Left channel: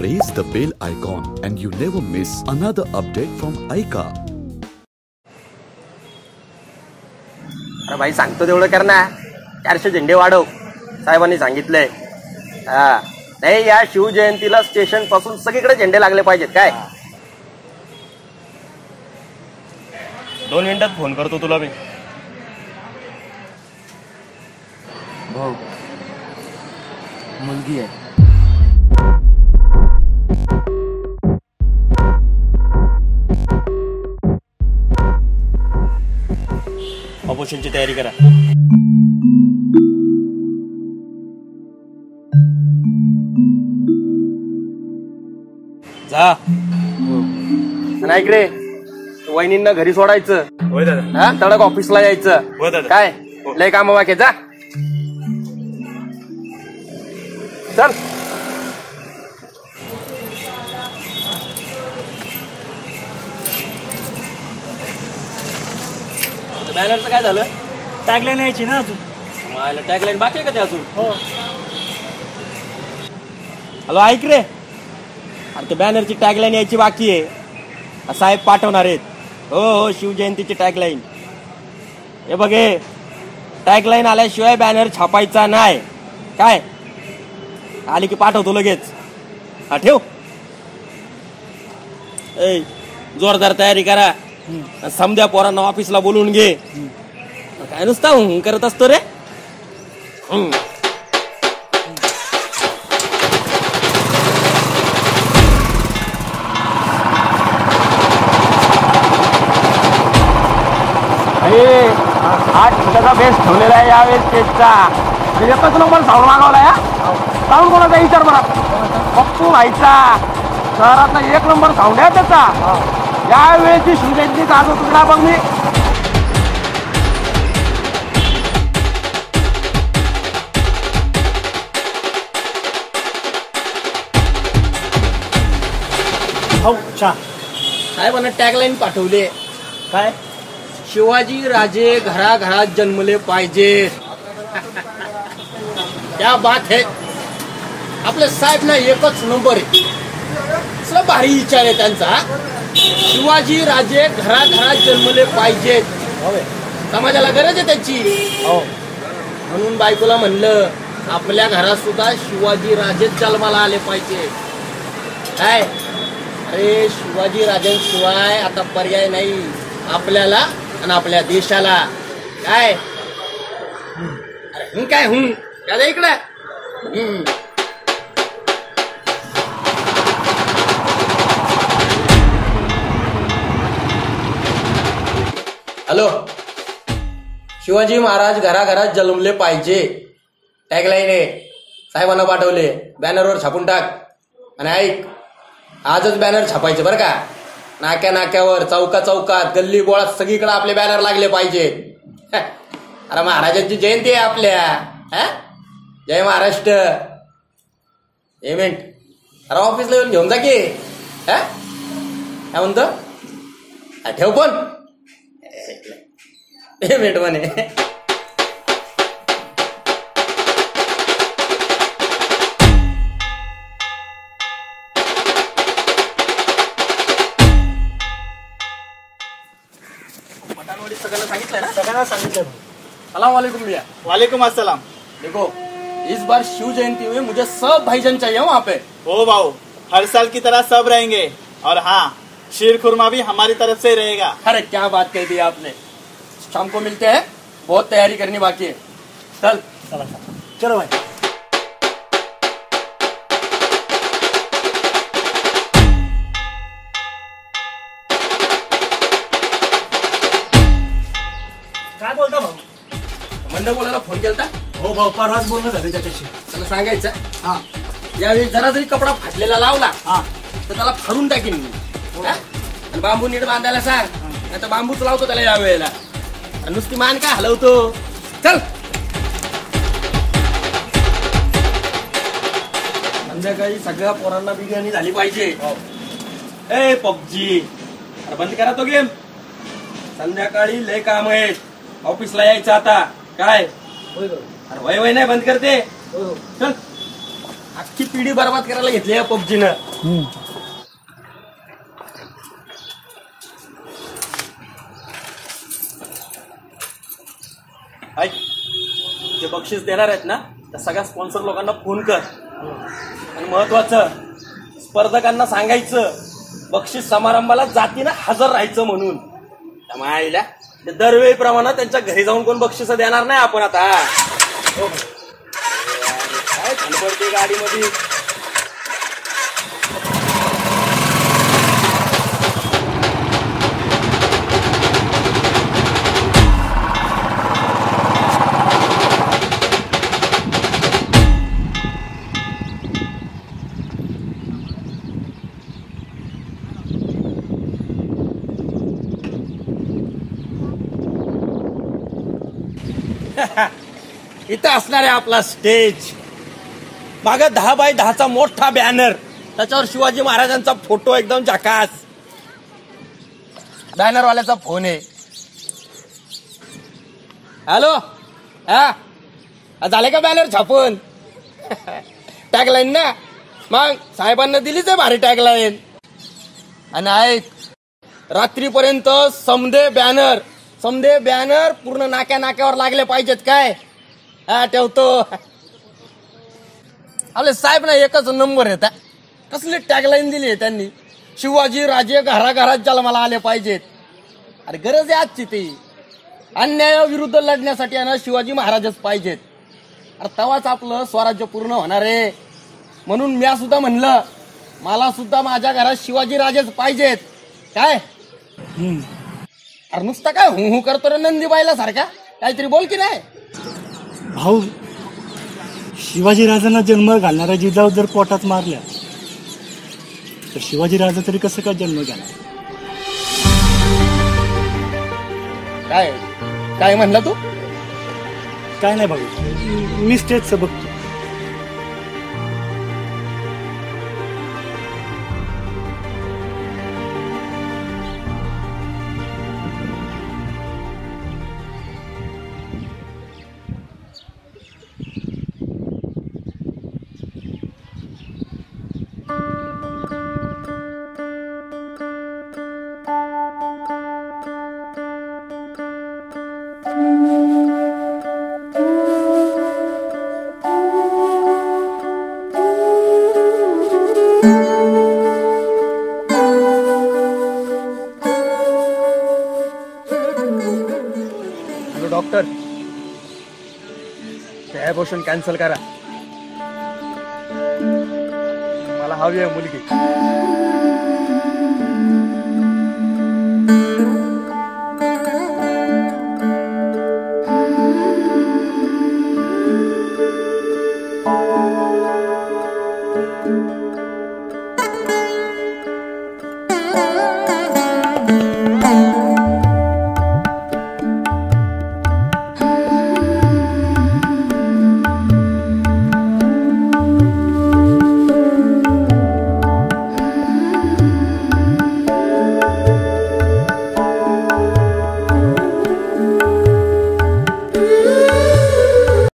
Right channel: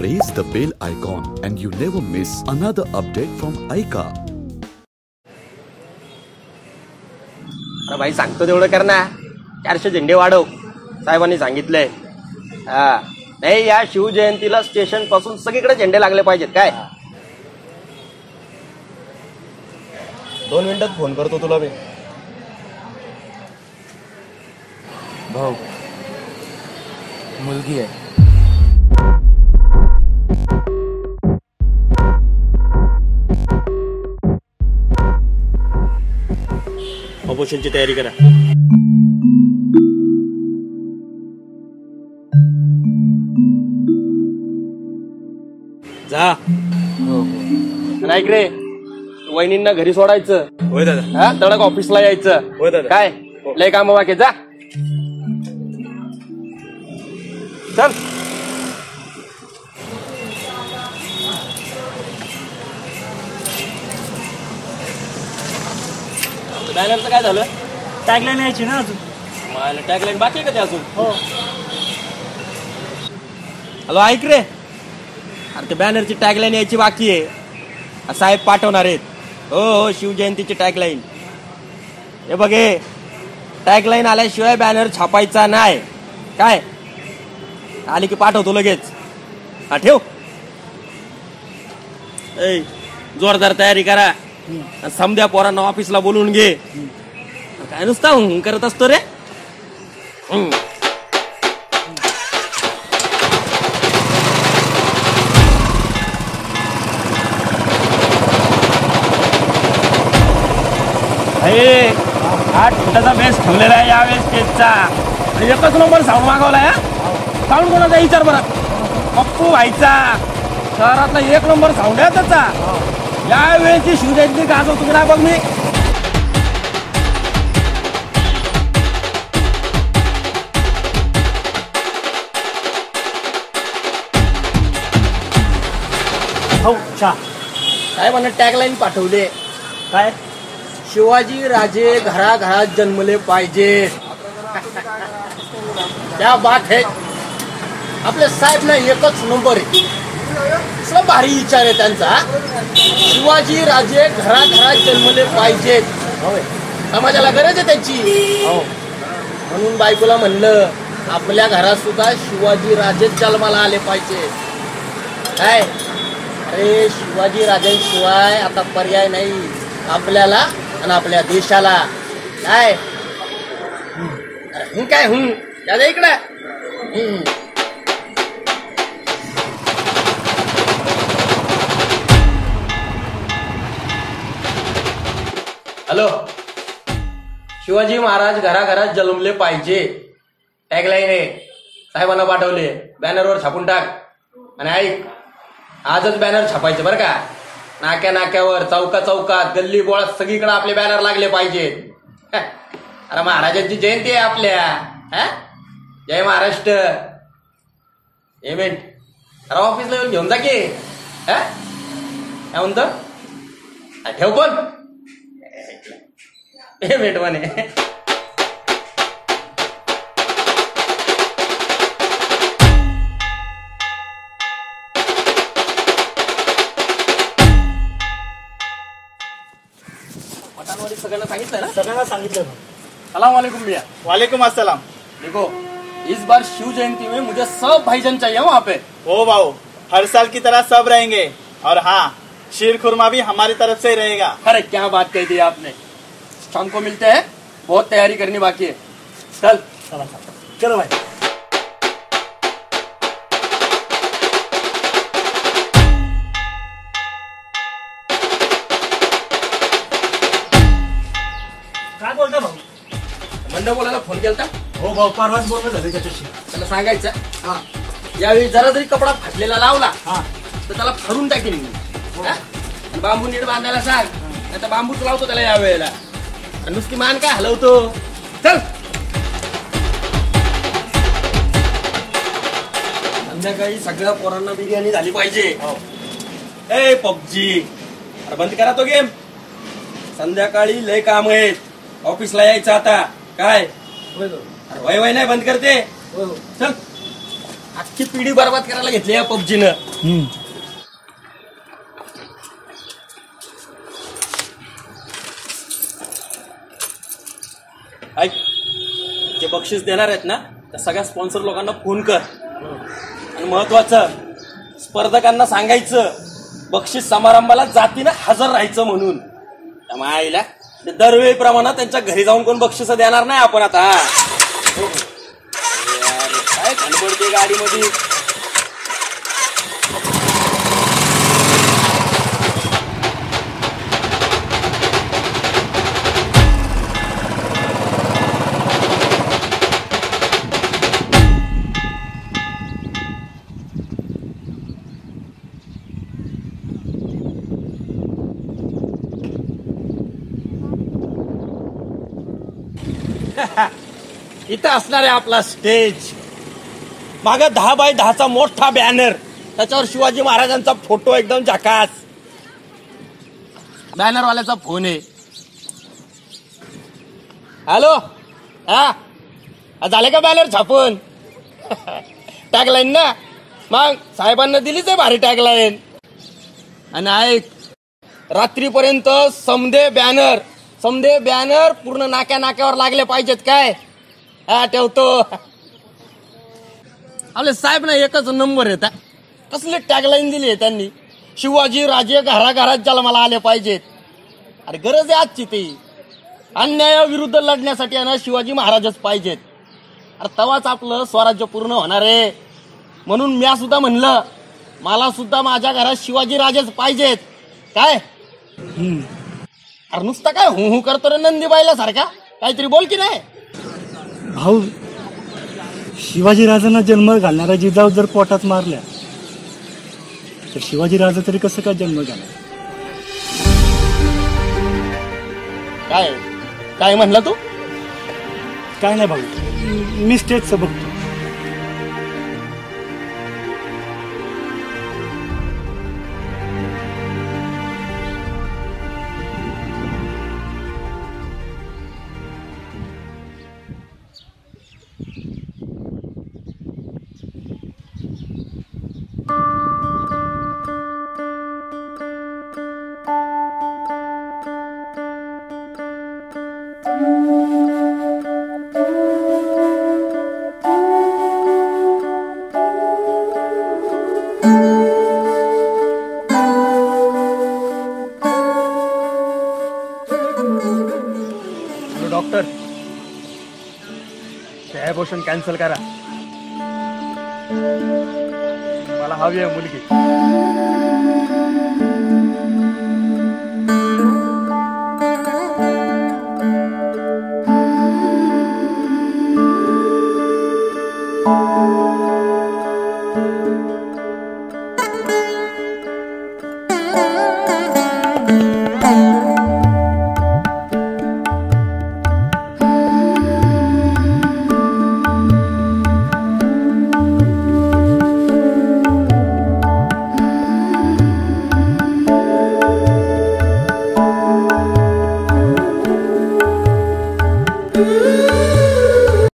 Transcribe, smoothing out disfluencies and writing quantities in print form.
Press the bell icon and you never miss another update from ICA. अरे भाई सांगतो तेवढं कर ना. 400 झेंडे वाढव साहेबांनी सांगितलंय. नाही या शिवजयंतीला स्टेशन पासून सगळीकडे झेंडे लागले पाहिजेत काय. 2 मिनिटात फोन करतो तुला मी. भाऊ मुलगी आहे. ऑपरेशनची तयारी करा. जा ऐक रे, वहिनींना घरी सोडायचं. होय दादा. तडक ऑफिसला यायचं. होय दादा. काय लय काम बाकी जा. चल बॅनरचं काय झालं? टॅगलाईन यायची ना अजून. मला टॅगलाईन बाकी आहे का ते अजून? हो. हॅलो ऐक रे, अरे ते बॅनरची टॅगलाईन यायची बाकी आहे. साहेब पाठवणार आहेत. हो हो शिवजयंतीची टॅगलाईन. हे बघे टॅगलाईन आल्याशिवाय बॅनर छापायचा नाही. काय आली की पाठवतो लगेच. हा ठेव. ए जोरदार तयारी करा. समध्या पोरांना ऑफिसला बोलवून घे. काय नुसता करत असतो रे. हा त्याचा बेस ठेवलेला आहे यावेळेस स्टेजचा. एकच नंबर साऊंड मागवलाय. साऊंड कोणाचा विचार बरा. पप्पू व्हायचा शहरातला 1 नंबर साऊंड आहे त्याचा. यावेळेची शिवजयंती गाजव तुकडा बघ मी. भाऊ चहा. साहेबांना टॅगलाईन पाठवले. काय? शिवाजी राजे घराघरात जन्मले पाहिजे. क्या बात है. आपल्या साहेब ना एकच नंबर आहे. असला भारी विचार आहे त्यांचा. शिवाजी राजे घराघरात जन्मले पाहिजेत. समाजाला गरज आहे त्याची. म्हणून बायकोला म्हणलं आपल्या घरात सुद्धा शिवाजी राजेच जन्माला आले पाहिजे. काय अरे शिवाजी राजांशिवाय आता पर्याय नाही आपल्याला आणि आपल्या देशाला. काय अरे काय दादा इकडे. हॅलो, शिवाजी महाराज घराघरात जन्मले पाहिजे टॅगलाईन आहे. साहेबांना पाठवले. बॅनरवर छापून टाक. आणि ऐक आजच बॅनर छापायचे बरं का. नाक्या नाक्यावर चौका चौकात गल्ली बोळात सगळीकडे आपले बॅनर लागले पाहिजे. अरे महाराजांची जयंती आहे आपल्या. जय महाराष्ट्र. एक मिनिट. अरे ऑफिसला येऊन घेऊन जा की. काय म्हणतो ठेव पण. 1 मिनिट म्हणे. सगळ्यांना सांगितलंय ना? सगळ्यांना सांगितलं. सलाम वालेकुम भैया. वालेकुम अस्सलाम. देखो इस बार शिव जयंती में मुझे सब भाईजान चाहिए वहाँ पे. ओ भाऊ हर साल की तरह सब रहेंगे. और हाँ शीर खुरमा भी हमारी तरफ से ही रहेगा. अरे क्या बात कही दी आपने. शाम को मिलते हैं. बहुत तैयारी करनी बाकी है. चल चलो भाई. काय बोलता भाऊ? मंडळ बोलायला फोन केलता. हो भाऊ परवाच बोलणं झालं त्याच्याशी. त्याला सांगायचं यावेळी जरा जरी कपडा फाटलेला लावला हा तर त्याला फरून टाकीन मी. आणि बांबू नीट बांधायला सांग. नाही तर बांबूच लावतो त्याला यावेळेला. नुसती मान काय हलवतो. चल संध्याकाळी सगळ्या पोरांना बिर्याणी झाली पाहिजे. ए पबजी बंद करा तो गेम. संध्याकाळी लय काम आहेत. ऑफिसला यायचं आता. काय वय वय नाही बंद करते. चल अख्खी पिढी बरबाद करायला घेतली पबजीनं. ऐक, जे बक्षीस देणार आहेत ना त्या सगळ्या स्पॉन्सर लोकांना फोन कर. आणि महत्वाचं, स्पर्धकांना सांगायचं बक्षीस समारंभाला जातीनं हजर राहायचं म्हणून. त्यामुळे आईला दरवेळीप्रमाणे त्यांच्या घरी जाऊन कोण बक्षीस देणार नाही आपण आता. हो काय धडपडते गाडीमध्ये. इथं असणार आहे आपला स्टेज. मागे 10x10चा मोठा बॅनर, त्याच्यावर शिवाजी महाराजांचा फोटो एकदम झकास. बॅनरवाल्याचा फोन आहे. हॅलो, हा झाले का बॅनर छापून? टॅगलाईन ना, मग साहेबांना दिलीच आहे भारी टॅगलाईन. आणि ऐक, रात्रीपर्यंत समदे बॅनर पूर्ण नाक्यावर लागले पाहिजेत. काय हा ठेवतो. आपले साहेब ना एकच नंबर येत. कसली टॅगलाईन दिली आहे त्यांनी, शिवाजी राजे घराघरात जन्माला आले पाहिजेत. अरे गरज आहे आजची ती. अन्यायाविरुद्ध लढण्यासाठी आहे ना शिवाजी महाराजच पाहिजेत. अरे तवाच आपलं स्वराज्य पूर्ण होणार आहे. म्हणून मी सुद्धा म्हणलं, मला सुद्धा माझ्या घरात शिवाजी राजेच पाहिजेत. काय अरे नुसता काय हु करतो रे नंदीबाईला सारखा, काहीतरी बोल की नाही. भाऊ, शिवाजी राजांना जन्म घालणारा जिजाऊ जर पोटात मारल्या तर शिवाजी राजा तरी कसं काय जन्म घालणार? काय म्हणला तू? काय नाही भाऊ, मी स्टेजचं बघतो. डॉक्टर, हे अबॉर्शन कॅन्सल करा. मला हवी आहे मुलगी.